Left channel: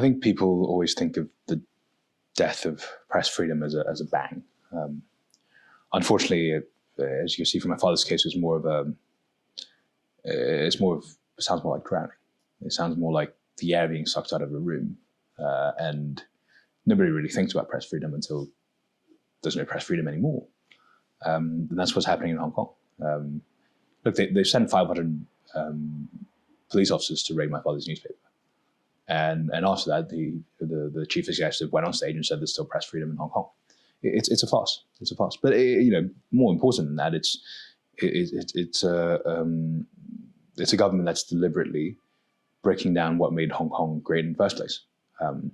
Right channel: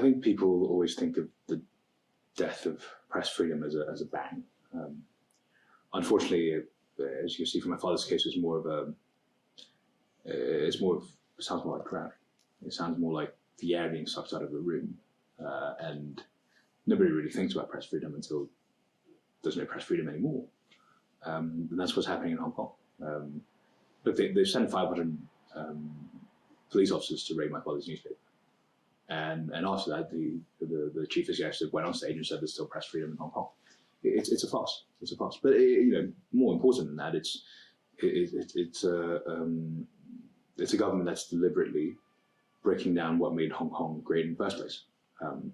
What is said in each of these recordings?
I think people always think of the death of press freedom as a bang. Unfortunately, as you can see from my father's case, it sounds more like drowning. It sounds more like the air being sucked out of a room, and nobody really thinks about press freedom until there's no press freedom anymore. And that's what's happening in Hong Kong. Look, they've sent 500 police officers to raid my father's newspaper. And after that, the chief executive went on stage and said there's still press freedom in Hong Kong. It's a farce. It's a farce. But more important than that, it's a government that's deliberately breaking down what made Hong Kong great in the first place, and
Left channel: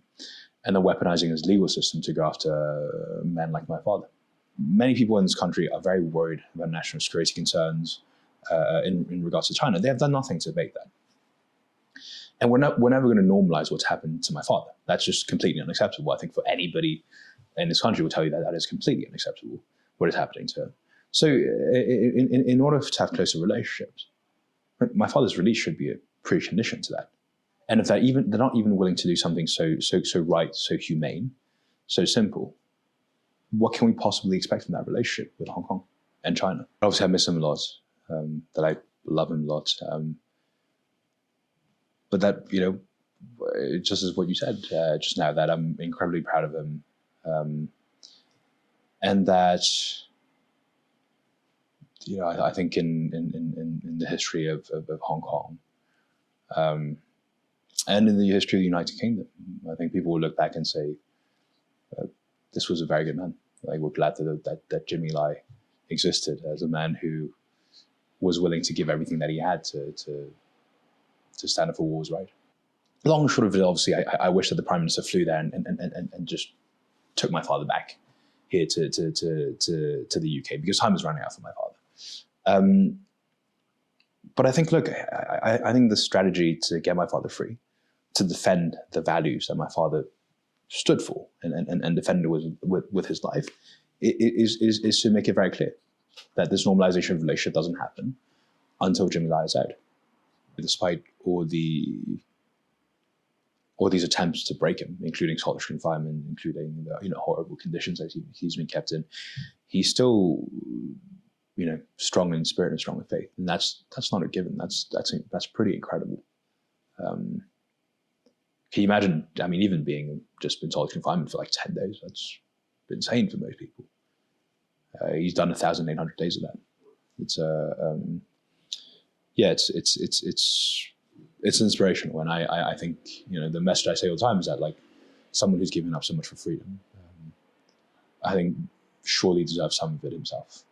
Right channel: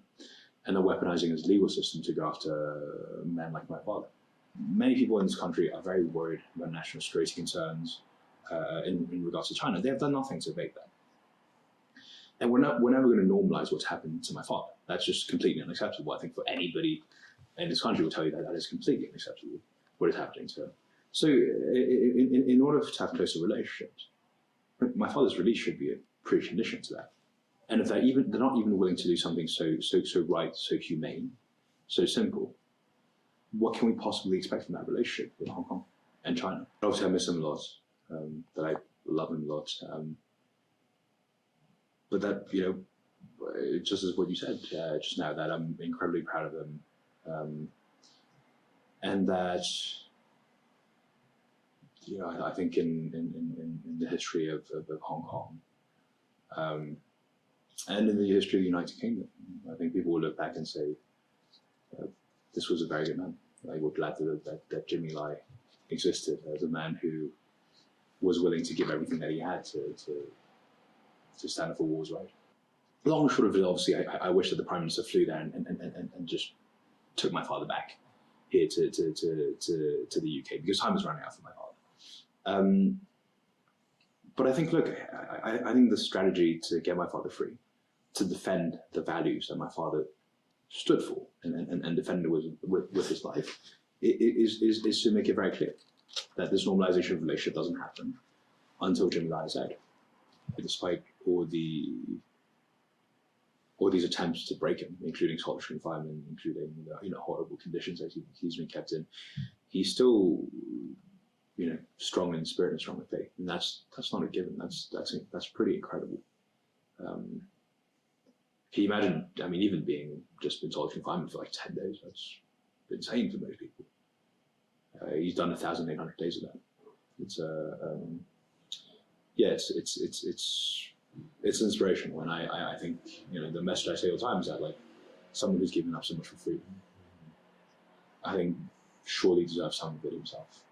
they're weaponizing its legal system to go after men like my father. Many people in this country are very worried about national security concerns in regards to China. They have done nothing to abate that. And we're never going to normalize what's happened to my father. That's just completely unacceptable. I think for anybody in this country will tell you that is completely unacceptable, what is happening to him. So in order to have closer relationships, my father's release should be a precondition to that. And if they're not even willing to do something so right, so humane, so simple, what can we possibly expect from that relationship with Hong Kong and China? Obviously, I miss him a lot, that I love him a lot. But that, just as what you said just now, that I'm incredibly proud of him. And that, I think in the history of Hong Kong, and in the history of the United Kingdom, I think people will look back and say, this was a very good man. Like, we're glad that Jimmy Lai existed as a man who was willing to give everything that he had to stand up for what was right. Long and short of it, obviously, I wish that the Prime Minister flew there and just took my father back here to the UK, because time is running out for my father. But I think, look, I think the strategy to get my father free, to defend the values that my father stood for and defended with his life, is to make it very clear that this normalization of relationship doesn't happen until Jimmy Lai is out. Despite all these attempts to break him, including solitary confinement, including horrible conditions that he's been kept in, he's still strong in spirit and strong in faith, and that's not a given. That's pretty incredible. Can you imagine? I mean, even being just in solitary confinement for like 10 days, that's insane for most people. He's done 1,800 days of that. It's inspirational, and I think the message I say all the time is that, like, someone who's given up so much for freedom, I think surely deserves some of it himself.